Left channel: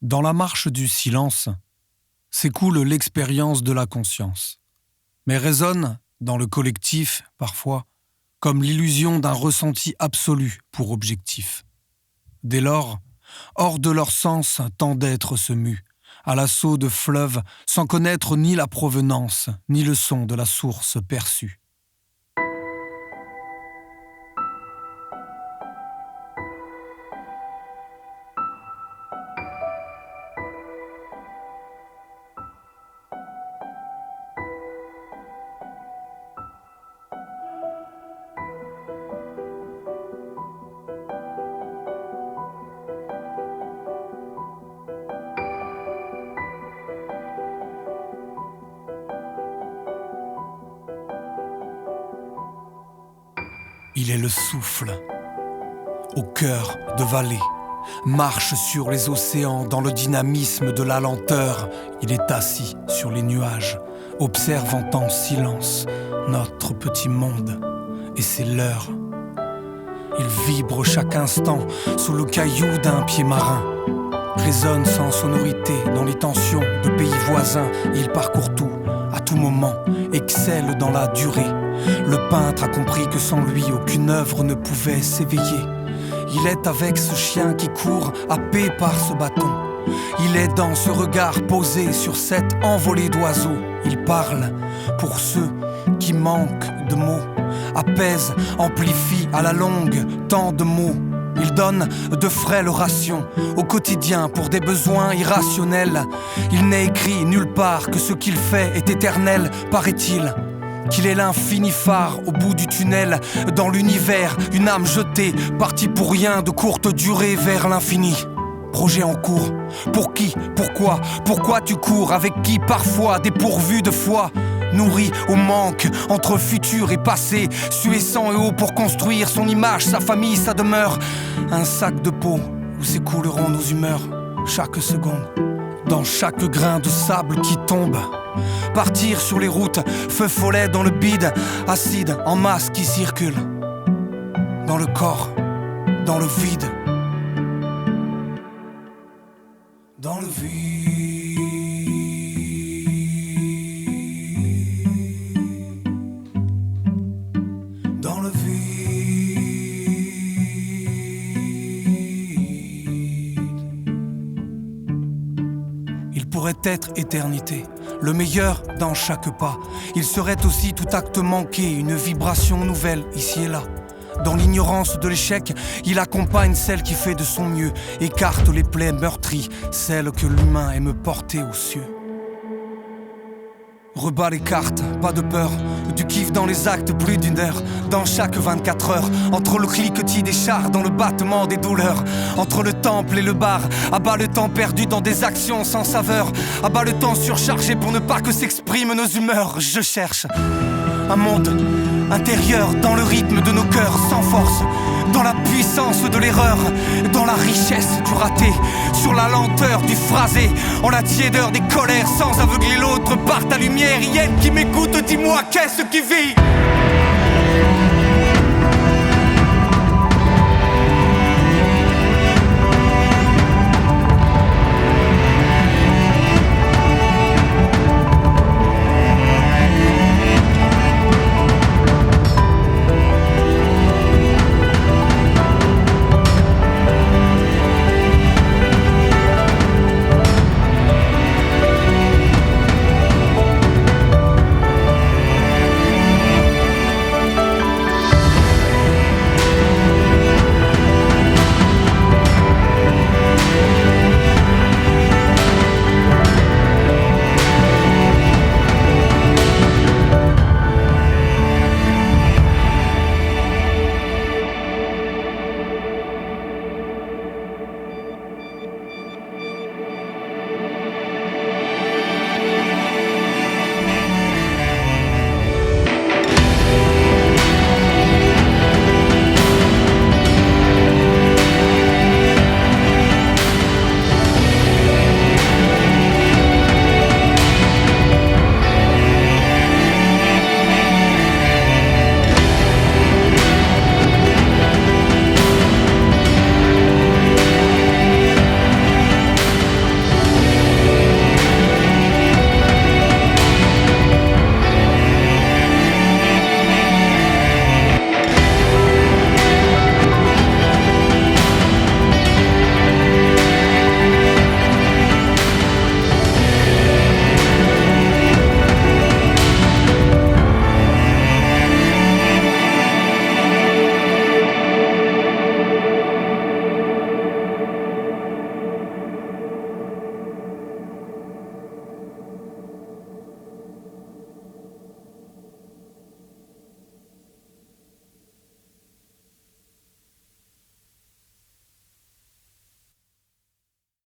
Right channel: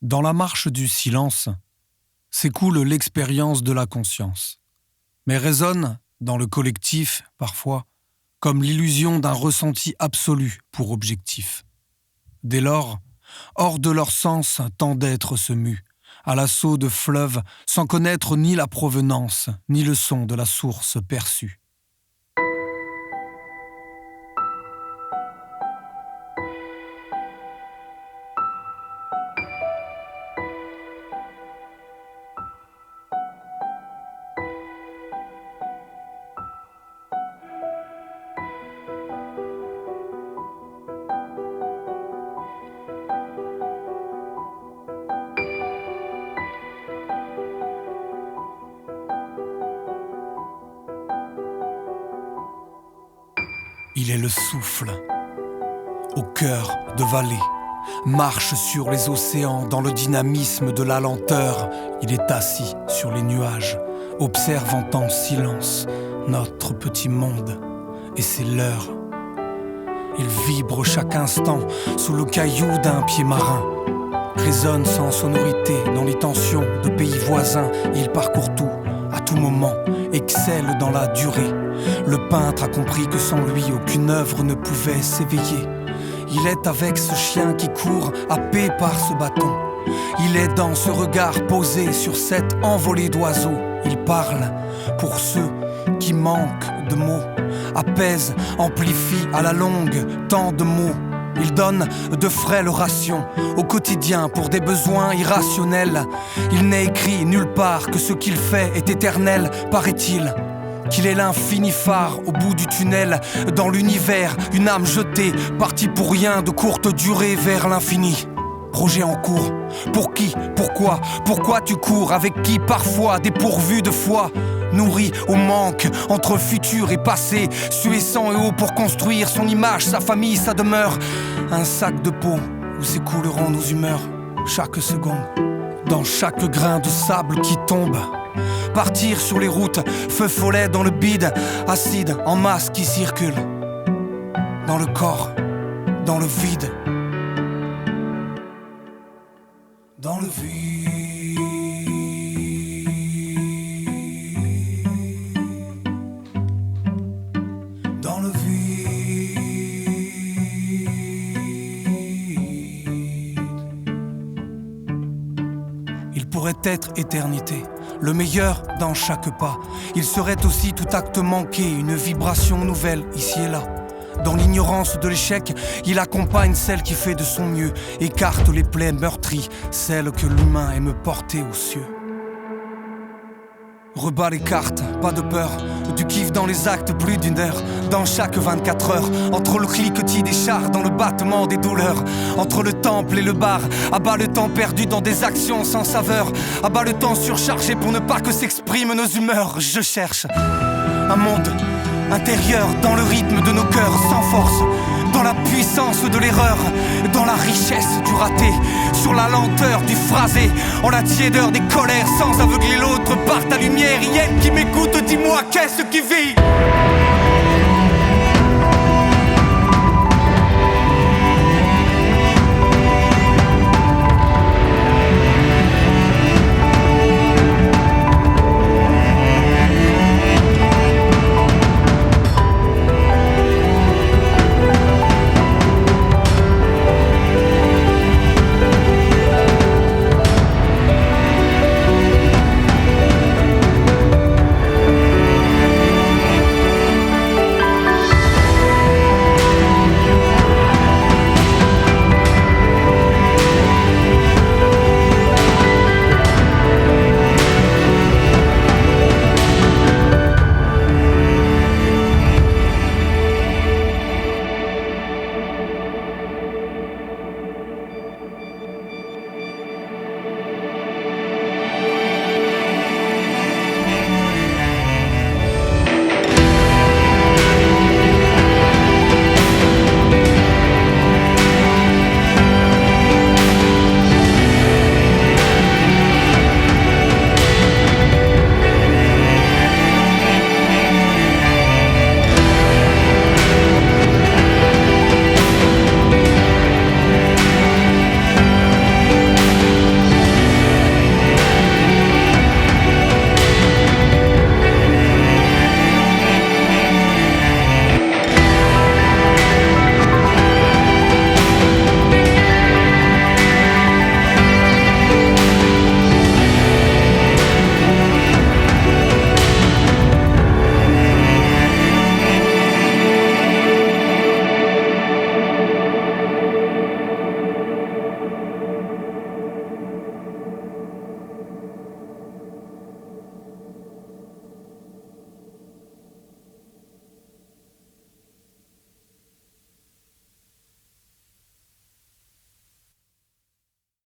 Dans la marche du silence, s'écoule l'expérience de la conscience, mais résonne, dans le collectif, parfois, comme l'illusion d'un ressenti absolu pour objectif. Dès lors, hors de leur sens, tant d'êtres se muent, à l'assaut de fleuves, sans connaître ni la provenance, ni le son de la source perçue. Il est le souffle, au cœur de vallée, marche sur les océans dans le dynamisme de la lenteur. Il est assis sur les nuages, observant en silence notre petit monde, et c'est l'heure. Il vibre chaque instant sous le caillou d'un pied marin, résonne sans sonorité dans les tensions de pays voisins. Il parcourt tout, à tout moment, excelle dans la durée. Le peintre a compris que sans lui, aucune œuvre ne pouvait s'éveiller. Il est avec ce chien qui court, happé par ce bâton. Il est dans ce regard posé sur cette envolée d'oiseaux. Il parle pour ceux qui manquent de mots, apaise, amplifie à la longue tant de mots. Il donne de frêles rations au quotidien pour des besoins irrationnels. Il n'est écrit nulle part que ce qu'il fait est éternel, paraît-il. Qu'il est l'infini phare au bout du tunnel, dans l'univers, une âme jetée, partie pour rien de courte durée vers l'infini. Projet en cours, pour qui, pourquoi tu cours, avec qui parfois dépourvu de foi, nourri au manque, entre futur et passé, sué sang et eau pour construire son image, sa famille, sa demeure. Un sac de peau où s'écouleront nos humeurs, chaque seconde, dans chaque grain de sable qui tombe. Partir sur les routes, feu follet dans le bide, acide en masse qui circule. Dans le corps, dans le vide. Dans le vide. Dans le vide. Il pourrait être éternité. Le meilleur dans chaque pas. Il serait aussi tout acte manqué, une vibration nouvelle ici et là. Dans l'ignorance de l'échec, il accompagne celle qui fait de son mieux, écarte les plaies meurtries, celles que l'humain aime porter aux cieux. Rebat les cartes, pas de peur, du kiff dans les actes, plus d'une heure, dans chaque 24 heures, entre le cliquetis des chars, dans le battement des douleurs, entre le temple et le bar, abat le temps perdu dans des actions sans saveur, abat le temps surchargé pour ne pas que s'expriment nos humeurs. Je cherche un monde intérieur dans le rythme de nos cœurs sans force, dans la puissance de l'erreur, dans la richesse du raté, sur la lenteur du phrasé, en la tiédeur des colères, sans aveugler l'autre par ta lumière. Yen qui m'écoute, dis-moi qu'est-ce qui vit.